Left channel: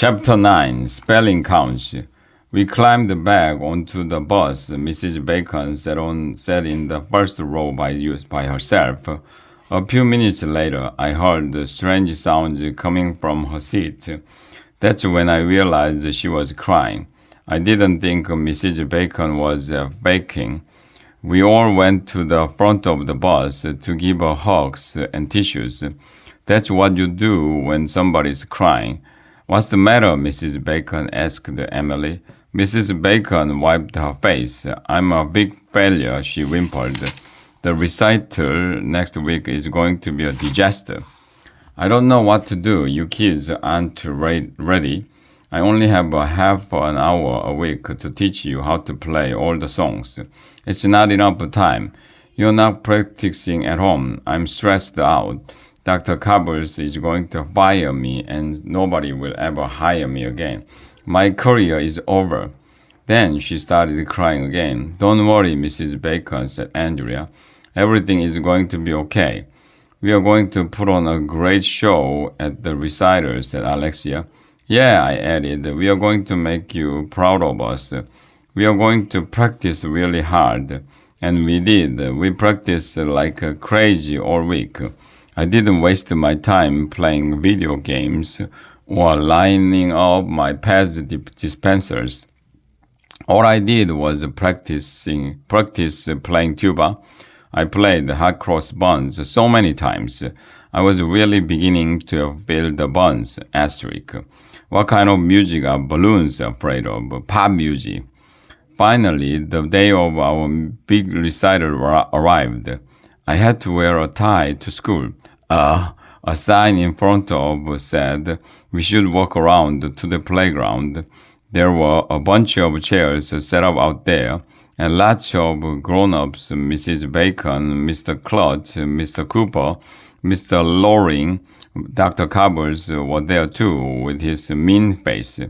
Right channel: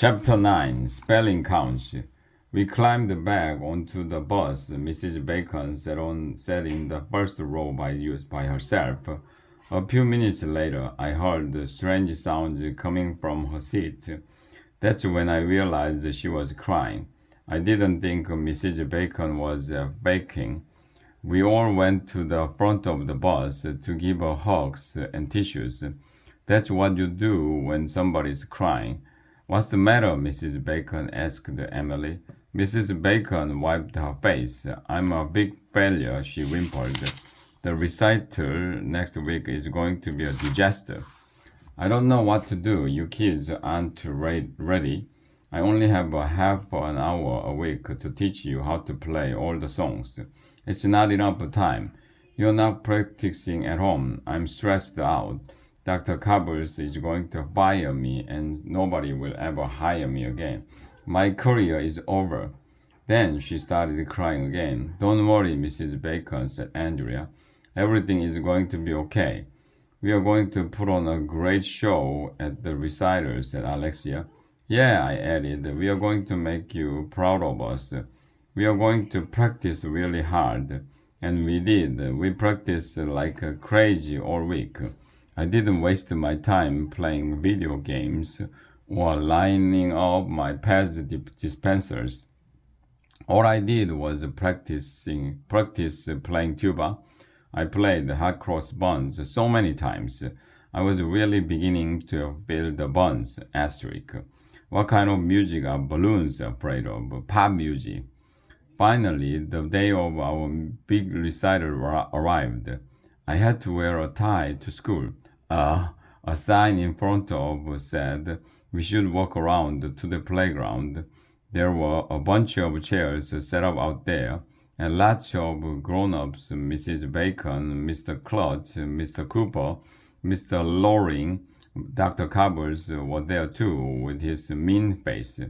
Chapter 9 Spelling Counts. We climbed back onto the bus. Mrs. Bacon sat in the first row by herself. A few minutes later, I heard strange sounds coming from her seat. That's when I realized she was crying. I didn't think Mrs. Bacon was faking. We all went to the front of the bus to give her hugs and tissues. That's what you do when somebody's crying. What's the matter, Mrs. Bacon asked Emily. Mrs. Bacon wiped her face. I'm a big failure, she whimpered. The recital next week is going to be a disaster. I don't know what to do. You kids aren't ready. I only have a half an hour a week to teach you how to play all the songs. It's not enough time. You're not practicing at home. I'm stressed out. Dr. Cobbles is going to fire me and nobody will ever hire me again. My career is over. Then she started crying again. Don't worry, Mrs. Bacon, said Andrea. Everything is going to be okay. We are going to put on a great show at the recital, said Alexia. Yeah, I added, we are going to make you proud of us. We are going to practice really hard. And we did. We practiced like crazy all week. I didn't waste my time playing video games or lining up my pads dispensers. All I did was practice playing tuba. I played hot cross buns so many times. I was really beginning to feel the buns. Asterisk. What kind of music are balloons afraid of? Pop music. Finally, the day of our big recital arrived. I had to wear a tie to school. A sign in front of said we should walk around to the playground. There were a bunch of chairs set up out there, and lots of grown-ups, Mrs. Bacon, Mr. Klutz, Mr. Cooper, Mr. Loring, Dr. Cobbles were there too, with his mean face.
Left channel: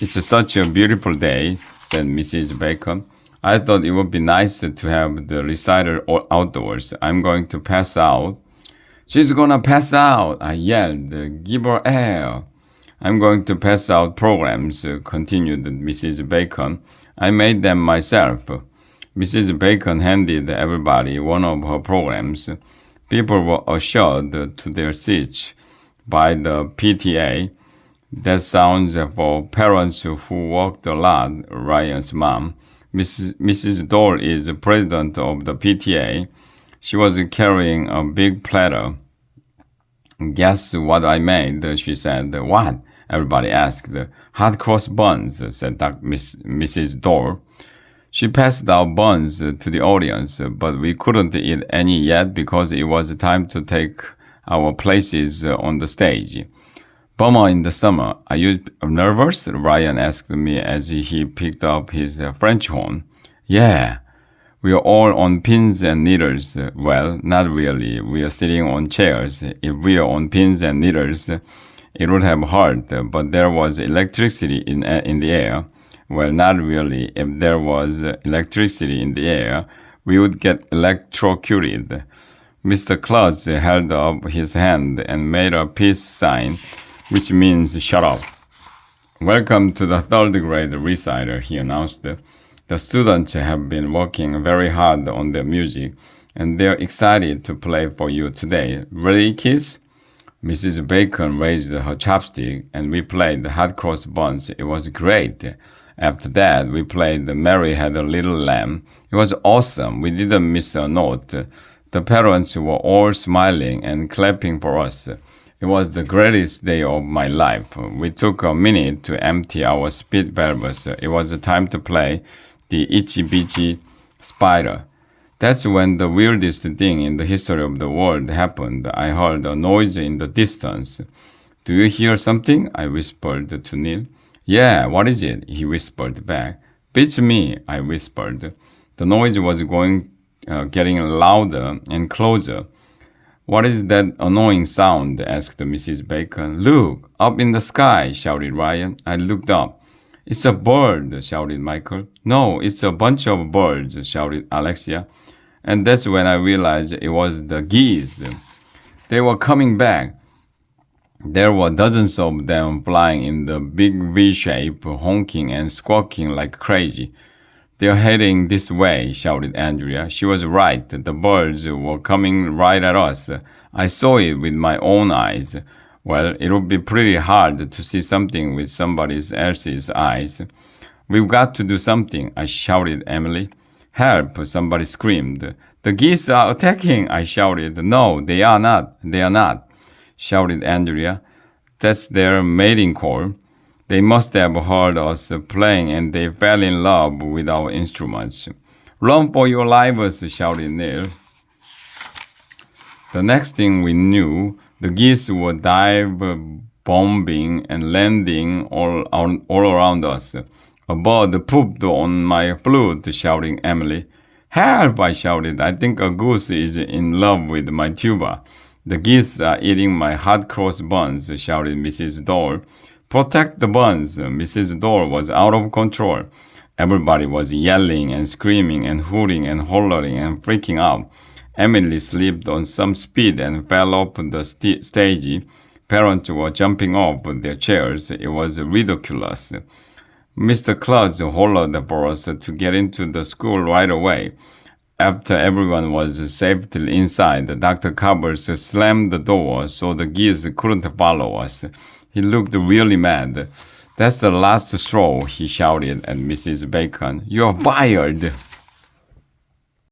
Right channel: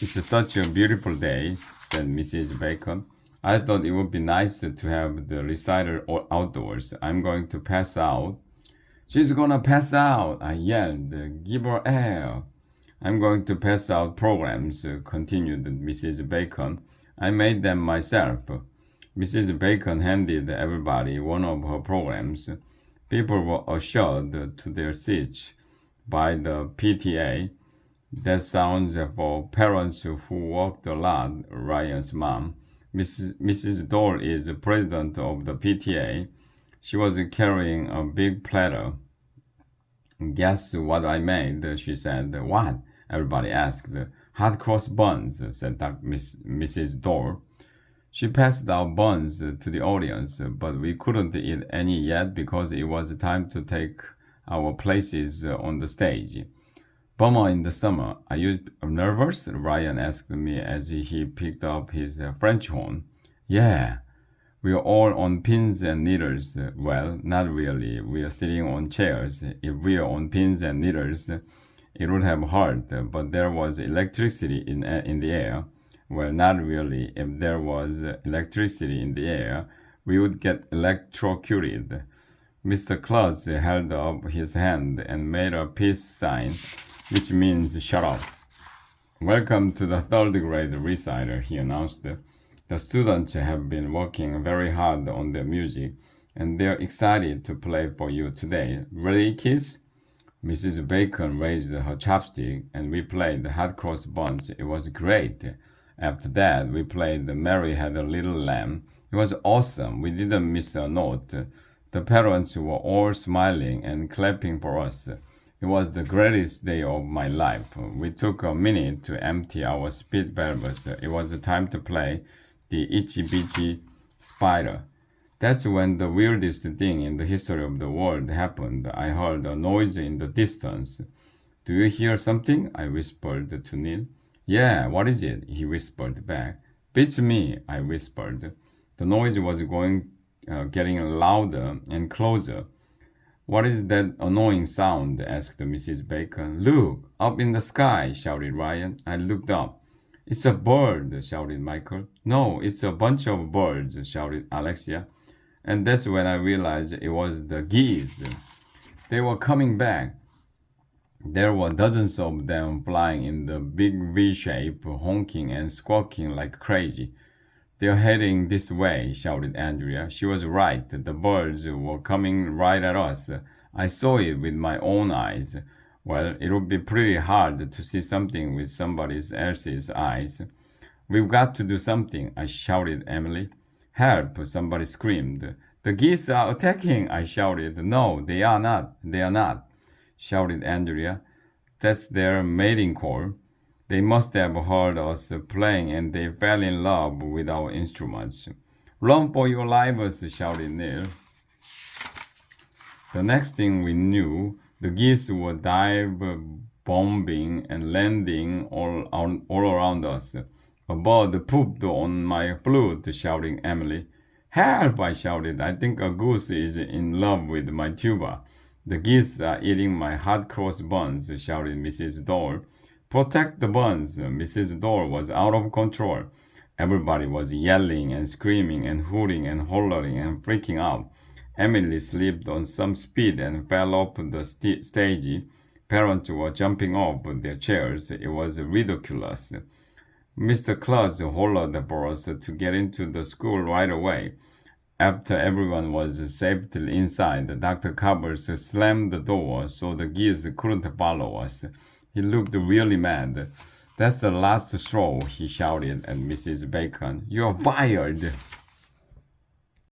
It's such a beautiful day, said Mrs. Bacon. I thought it would be nice to have the recital outdoors. I'm going to pass out. She's gonna pass out, I yelled. Give her air. I'm going to pass out programs, continued Mrs. Bacon. I made them myself. Mrs. Bacon handed everybody one of her programs. People were ushered to their seats by the PTA. That sounds for parents who worked a lot, Ryan's mom. Mrs. Dole is president of the PTA. She was carrying a big platter. Guess what I made, she said. What? Everybody asked. Hot cross buns, said Mrs. Dole. She passed out buns to the audience, but we couldn't eat any yet because it was time to take our places on the stage. Bummer in the summer. Are you nervous? Ryan asked me as he picked up his French horn. Yeah. We are all on pins and needles. Well, not really. We are sitting on chairs. If we are on pins and needles, it would have hurt, but there was electricity in the air. Well, not really. If there was electricity in the air, we would get electrocuted. Mr. Klutz held up his hand and made a peace sign, which means shut up. Welcome to the third grade recital, he announced. The students have been working very hard on their music, and they're excited to play for you today. Ready, kids? Mrs. Bacon raised her chopstick, and we played hot cross buns. It was great. After that, we played Mary Had a Little Lamb. It was awesome. We didn't miss a note. The parents were all smiling and clapping for us. It was the greatest day of my life. We took a minute to empty our speed valves. It was time to play the Itchy Bitchy Spider. That's when the weirdest thing in the history of the world happened. I heard a noise in the distance. Do you hear something? I whispered to Neil. Yeah, what is it? He whispered back. Beats me, I whispered. The noise was getting louder and closer. What is that annoying sound? Asked Mrs. Bacon. Look, up in the sky, shouted Ryan. I looked up. It's a bird, shouted Michael. No, it's a bunch of birds, shouted Alexia. And that's when I realized it was the geese. They were coming back. There were dozens of them flying in the big V shape, honking and squawking like crazy. They're heading this way, shouted Andrea. She was right. The birds were coming right at us. I saw it with my own eyes. Well, it would be pretty hard to see something with somebody else's eyes. We've got to do something, I shouted Emily. Help, somebody screamed. The geese are attacking, I shouted. No, they are not. They are not, shouted Andrea. That's their mating call. They must have heard us playing and they fell in love with our instruments. Run for your lives, shouted Neil. The next thing we knew, the geese were dive bombing and landing all around us. A bird pooped on my flute, shouting Emily. Help, I shouted. I think a goose is in love with my tuba. The geese are eating my hot cross buns, shouted Mrs. Dole. Protect the buns. Mrs. Dole was out of control. Everybody was yelling and screaming and hooting and hollering and freaking out. Emily slipped on some speed and fell off the stage. Parents were jumping off their chairs. It was ridiculous. Mr. Klutz hollered for us to get into the school right away. After everyone was safely inside, Dr. Covers slammed the door so the geese couldn't follow us. He looked really mad. That's the last straw, he shouted at Mrs. Bacon. You're fired!